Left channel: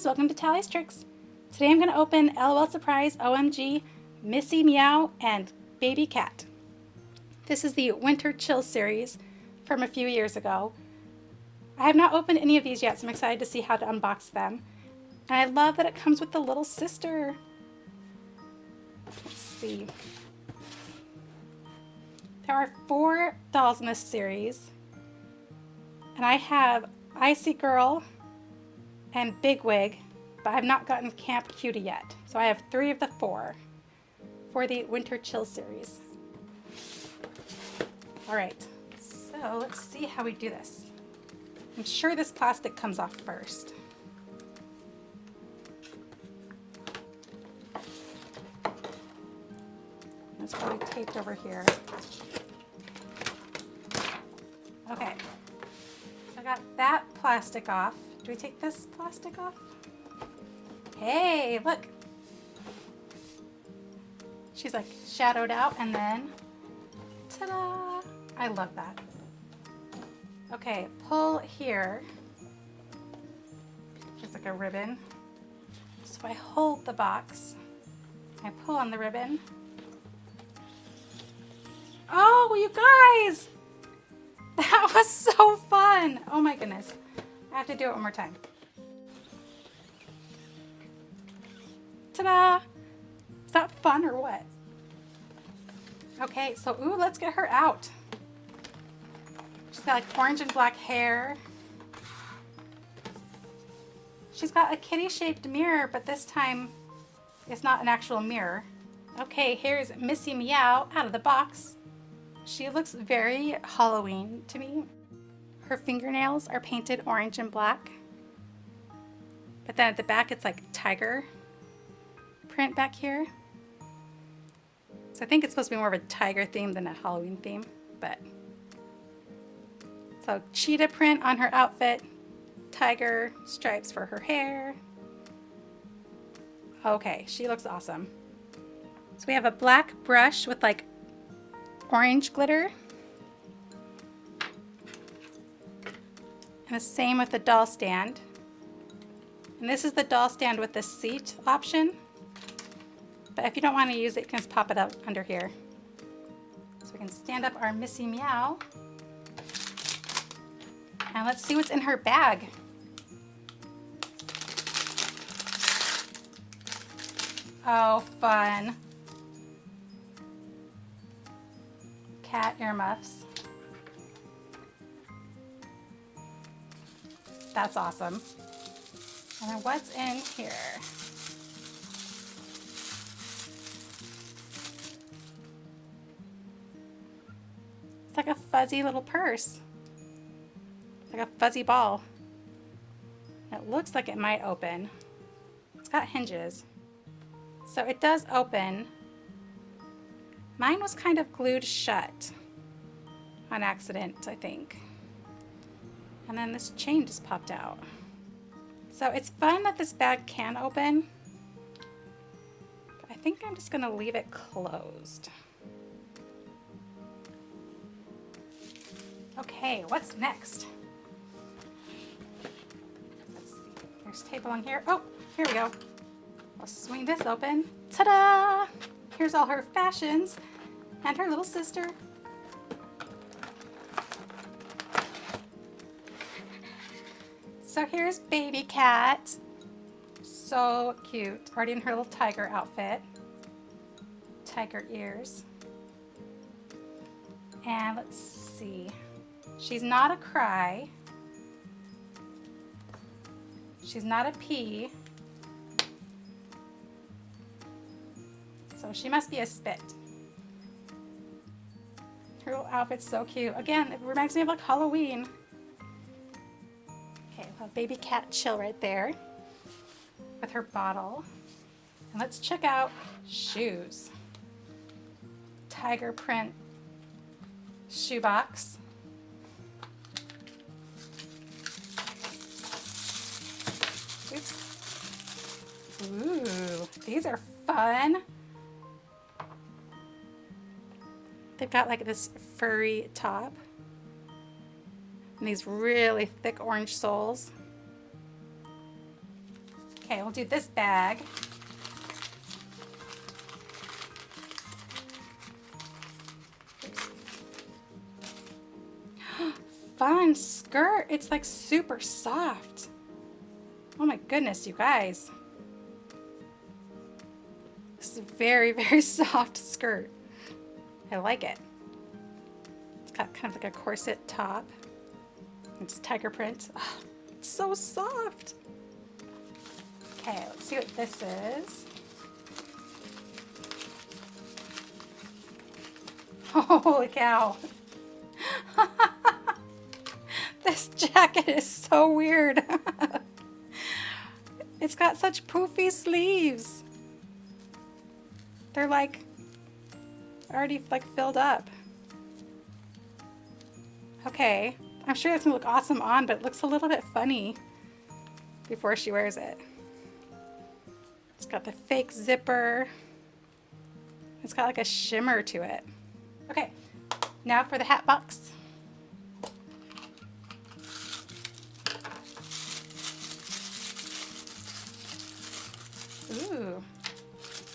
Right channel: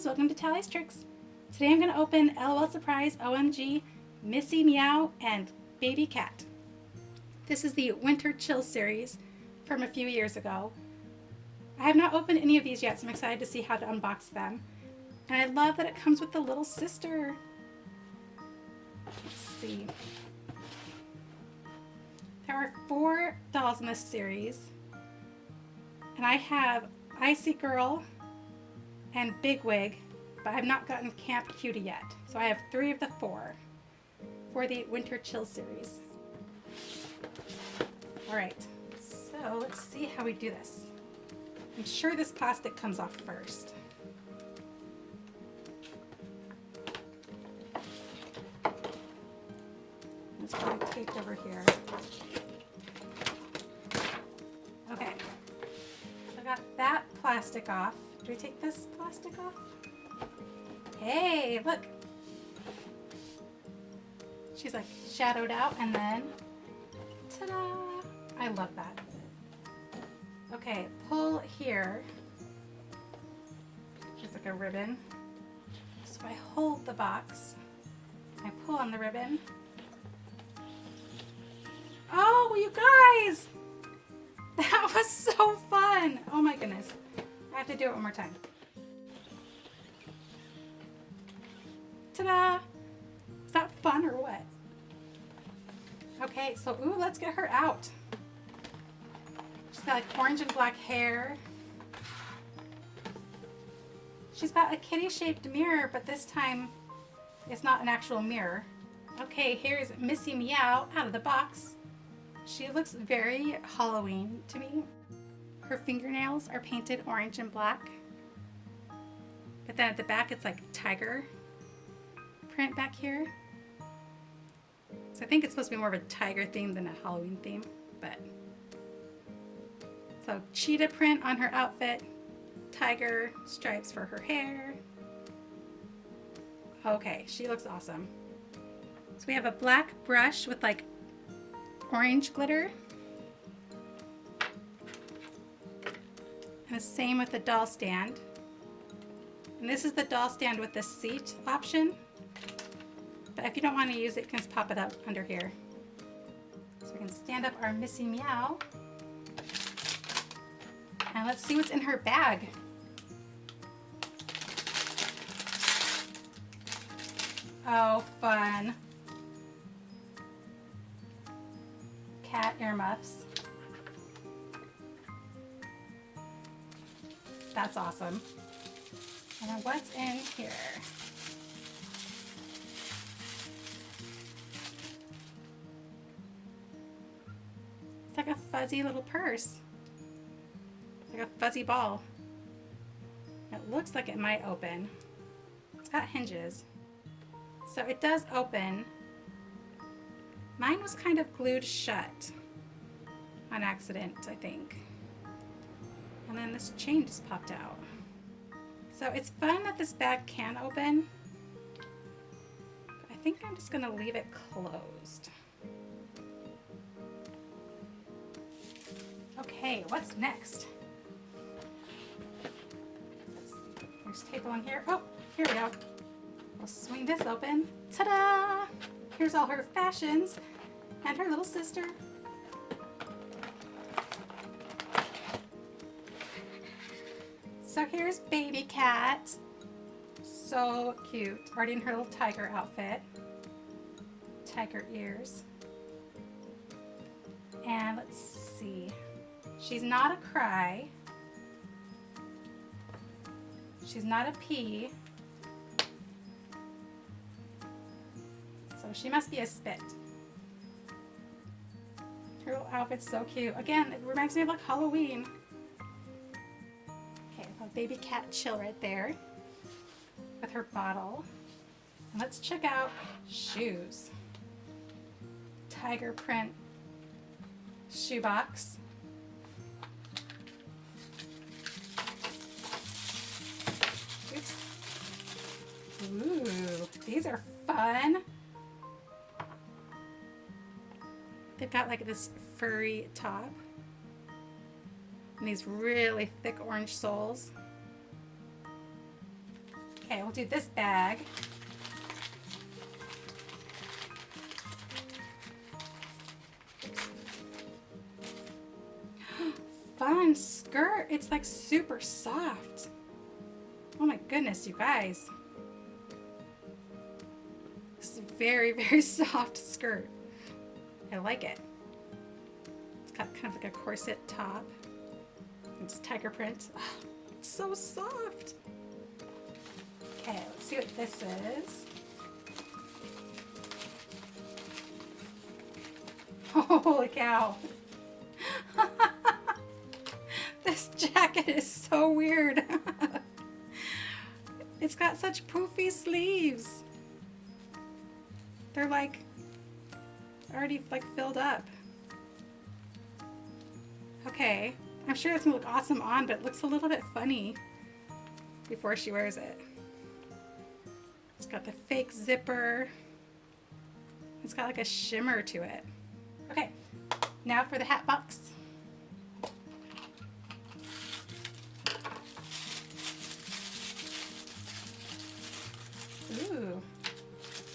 friends, welcome to Tallie's Tricks. Today I'm going to open LOL Surprise, OMG, Missy Meow, and Baby Cat. This is the Winter Chill series from a few years ago. I have not opened any of these yet, so I'm excited to see how to unbox them. And I love that it comes with the little sister. Let's see. There are 4 dolls in this series. And I have Icy Girl and Big Wig, but I have not gotten Camp Cutie yet. So I have 3 of the 4 for the Winter Chill series. Alright, so let's see how we do this. I'm sure this plastic comes off first. It's probably taped over here. Okay, I got that plastic off. Do we take this plastic off? Hey, look. She's like shadowed out and then, ta-da! I love that. Okay, pull here. Just like a ribbon. So I hold the box. I pull on the ribbon. Oh, you guys! That was so fun! Oh my goodness. I have to do it one more time. Ta-da! Is that fun or what? Okay, so ooh, let's get her out. She's got like orange and black hair. She's got a kitty-shaped mirror, but this time it's not an actual mirror. Okay, here's Missy Meow out of the box. She looks very Halloween to me. Her fingernails are painted orange and black. But then at the back it's like tiger print back here. So I think it's supposed to be more of a tiger theme than a Halloween theme, but. So cheetah print on her outfit, tiger stripes for her hair. Okay, she looks awesome. So we have a black brush with like orange glitter. And the same with the doll stand. And this is the doll stand with the seat option. But if you don't want to use it, you can just pop it up under here. So we can stand up our Missy Meow. And let's see what's in her bag. Oh, fun. Cat earmuffs. That's awesome. And then what's in here? It's like a fuzzy little purse. It's like a fuzzy ball. It looks like it might open. It's got hinges. So it does open. Mine was kind of glued shut on accident, I think. And then this chain just popped out. So it's fun that this bag can open. But I think I'm just gonna leave it closed. Okay, what's next? Let's see, there's tape along here. Oh, here we go. I'll swing this open. Ta-da! Here's all her fashions and her little sister. So here's Baby Cat. So cute. Already in her little tiger outfit. Tiger ears. And let's see. She's not a cry. She's not a pea. So she must be a spit. Her little outfit's so cute. Again, it reminds me of like Halloween. Okay, a Baby Cat chill right there with her bottle. And let's check out shoes. Tiger print shoebox. Oops. Ooh, these are fun. They've got like this furry top and these really thick orange soles. Okay, we'll do this bag. Fun skirt. It's like super soft. Oh my goodness, you guys. This is a very, very soft skirt. I like it. It's got kind of like a corset top. It's tiger print. Oh, it's so soft. Okay, let's see what this is. Holy cow. This jacket is so weird. It's got such poofy sleeves. They're like already like filled up. Okay, I'm sure it's gonna look awesome on, but it looks a little bit funny before she wears it. It's got the fake zipper. It's got like a shimmer to it. Okay, now for the hat box. Ooh.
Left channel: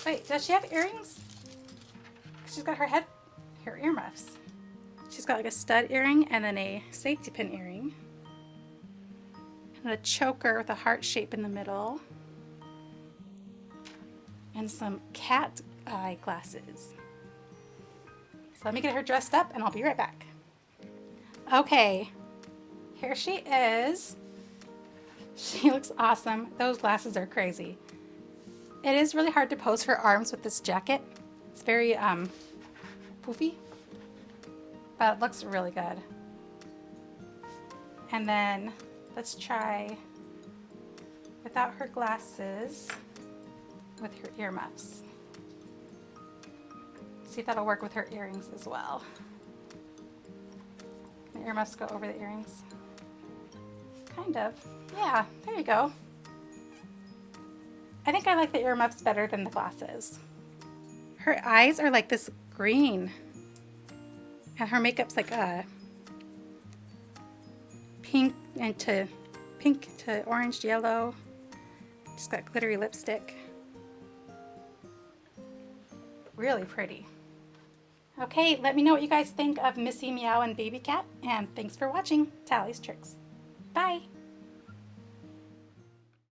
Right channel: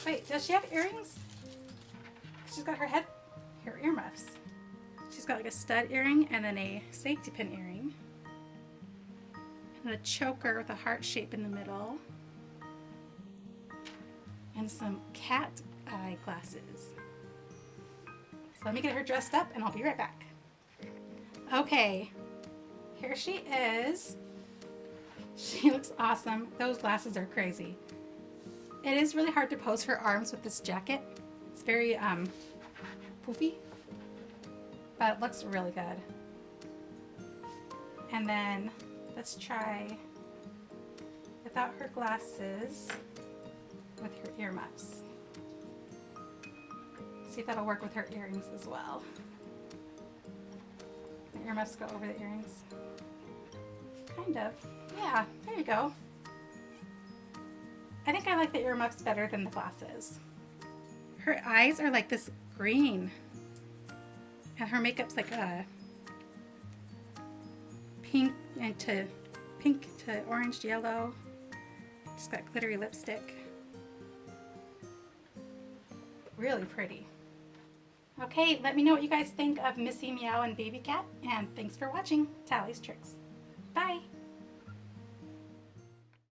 Wait, does she have earrings? She's got her earmuffs. She's got like a stud earring and then a safety pin earring. And a choker with a heart shape in the middle. And some cat eye glasses. So let me get her dressed up and I'll be right back. Okay, here she is. She looks awesome. Those glasses are crazy. It is really hard to pose her arms with this jacket. It's very poofy, but it looks really good. And then let's try without her glasses with her earmuffs. See if that'll work with her earrings as well. The earmuffs go over the earrings. Kind of. Yeah, there you go. I think I like the earmuffs better than the glasses. Her eyes are like this green. And her makeup's like a pink to orange yellow. She's got glittery lipstick. Really pretty. Okay, let me know what you guys think of Missy Meow and Baby Cat. And thanks for watching Tallie's Tricks. Bye!